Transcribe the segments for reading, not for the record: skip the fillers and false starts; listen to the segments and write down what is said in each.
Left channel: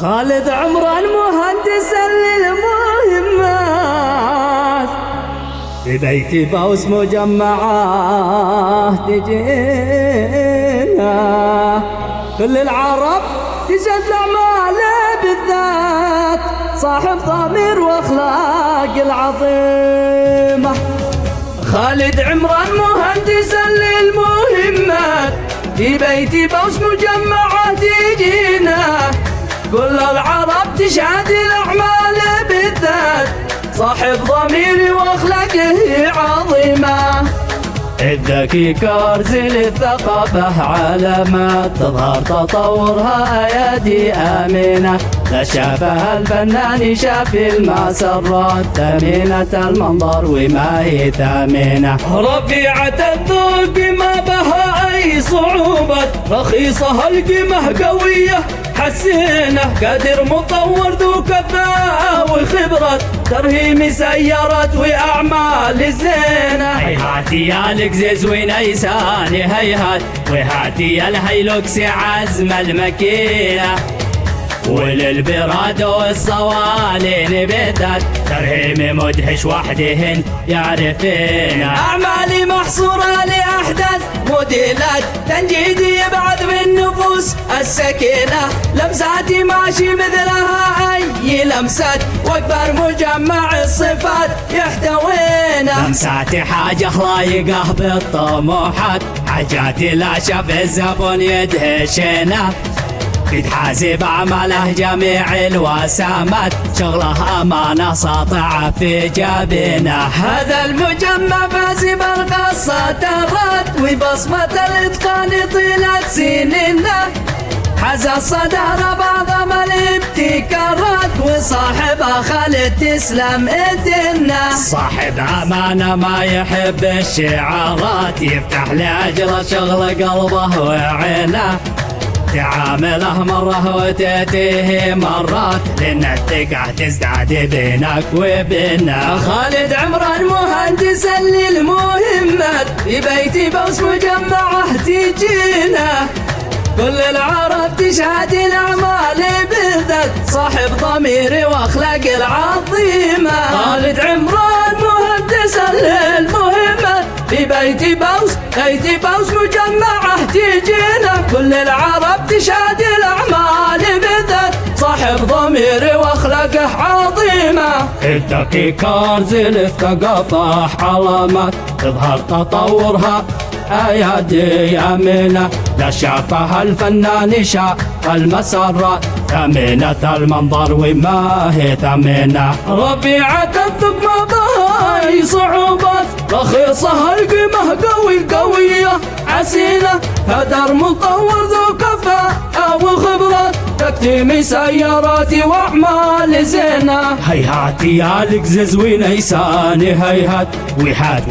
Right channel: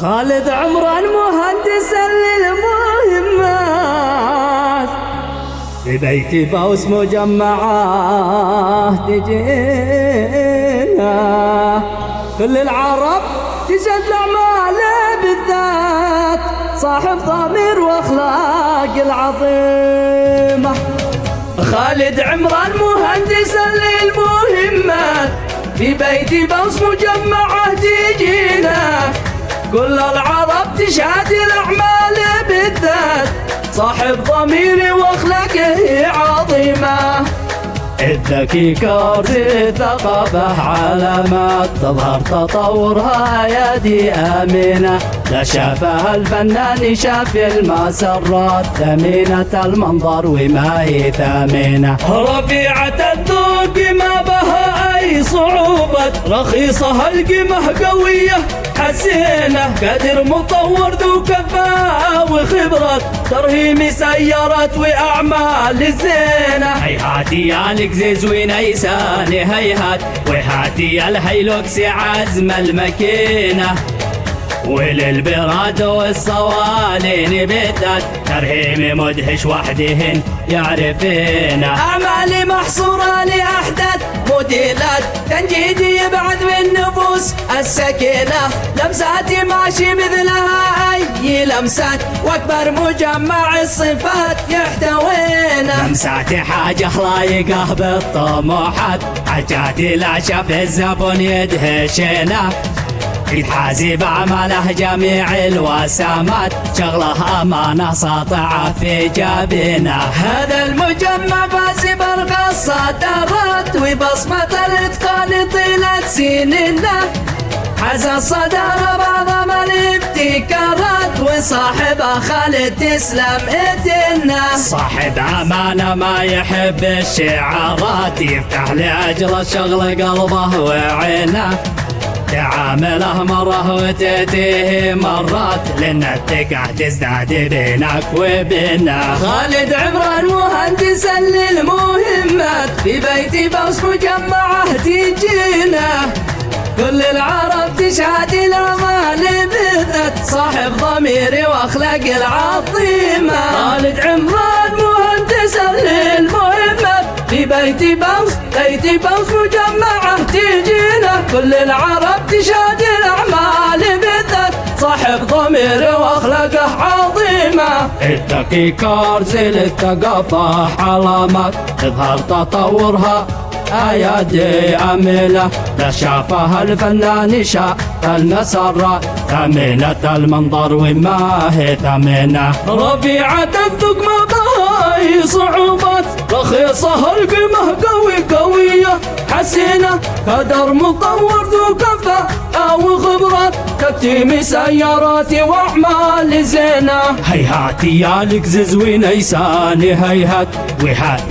خالد عمران مهندسا للمهمات، في بيتي بوس مجمعات تجينا، كل العرب تشهد لأعماله بالذات، صاحب ضمير واخلاق العظيمة. خالد عمران مهندسا للمهمات، في بيتي بوس مجمعات تجينا، كل العرب تشهد الأعمال بالذات، صاحب ضمير واخلاقه عظيمة. الذكي كرز الثقافة علامات، تظهر تطورها أيادي آمنة، لا شافها الفنان شاف المسرات، ثمينة المنظر وما هي ثامنة، رفيعة الذوق ما بها أي صعوبة، رخيصها القيمة قوية حسينة، قادر مطور ذو كفاءة وخبرة، ترهيم سيارات وأعمال الزينة. هيهاتي يا القزز ونيساني هيهات، وهاتي الهيلوكس عزم المكينة، وللبراد والصوانين بالذات، ترهيم مدهش وحدهن يعرفينا. أعمالي محصورة لأحدث موديلات، تنجيدي يبعث من نفوس السكينة، لمساتي ماشي مثلها أي لمسات، واكبر مجمع الصفات يحتوينا. لمساتي حاجة خلايقه بالطموحات، حاجاتي لا شاف الزبون يدهشنا، يتحاسب أعماله جميع الوسامات، شغله أمانة ساطعة في جبينه. هذا المجمع فاز برقى الصدارات، وبصمة الإتقان طيلة سنينه، حاز الصدارة بعظم الابتكارات، وصاحبها خالد تسلم ايدينا. صاحب أمانة ما يحب الشعارات، يفتح لأجر شغل قلبه وعينه، تعامله مرة وتأتيه مرات، لأن الثقة تزداد بينك وبينه. خالد عمران مهندسا للمهمات، في بيتي بوس مجمعة تجينا، كل العرب تشهد الأعمال بالذات، صاحب ضمير واخلاق العظيمة. خالد عمران مهندسا للمهمات، في بيتي بوس مجمعة تجينا، كل العرب تشهد الأعمال بالذات، صاحب ضمير واخلاقه عظيمة. الذكي كرز للثقافة علامات، تظهر تطورها أيادي أمينة، لا شافها الفنان شاف المسرات، ثمينة المنظر وما هي ثمينة، رفيعة الذوق ما بها أي صعوبات، رخيصها القيمة قوية حسينة، قدر مطور ذو كفاءة وخبرات، تكتيم سياراتي وأعمال زينة. هيهاتي يا القزز ونيساني هيهات،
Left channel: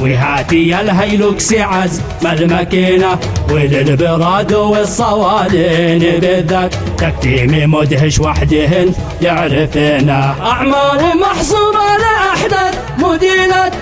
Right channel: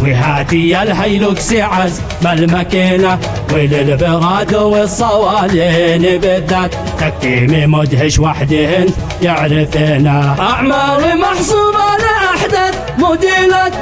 وهاتي يا الهيلوكس عزم المكينة، وللبراد والصوالين بالذات، تكتيم مدهش وحدهن يعرفنا. أعمالي محصورة لأحدث موديلات،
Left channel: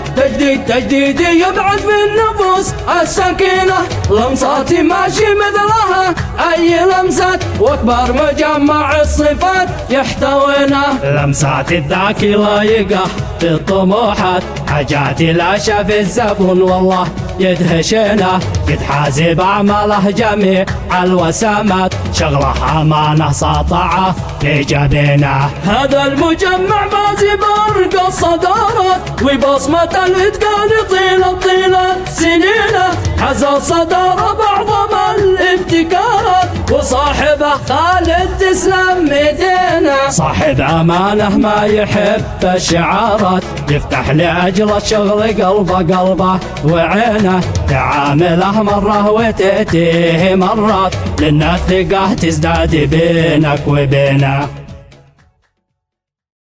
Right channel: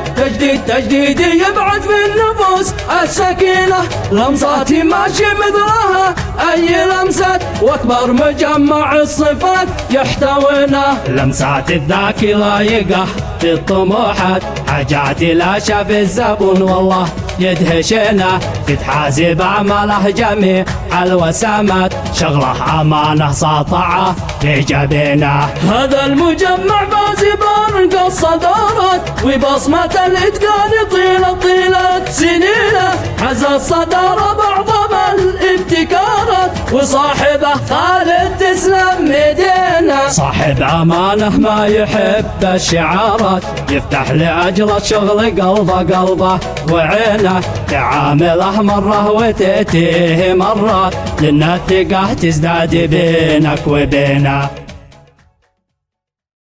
تجديد يبعث من نفوس السكينة، لمساتي ماشي مثلها أي لمسات، واكبر مجمع الصفات يحتوينا. لمسات الذاكي لايقه بالطموحات، حاجاتي لا شاف الزبون والله يدهشنا، يتحاسب أعماله جميع الوسامات، شغله أمانة ساطعة في جبينه. هذا المجمع فاز برقى الصدارات، وبصمة الإتقان طيلة سنينه، حز الصدارة بعظم الابتكارات، وصاحبه خالد تسلم ايدينا. صاحب أمانة ما يحب الشعارات، يفتح لأجل الشغل قلبه وعينه، تعامله مرة وتأتيه مرات، لأن الثقة تزداد بينك وبينه.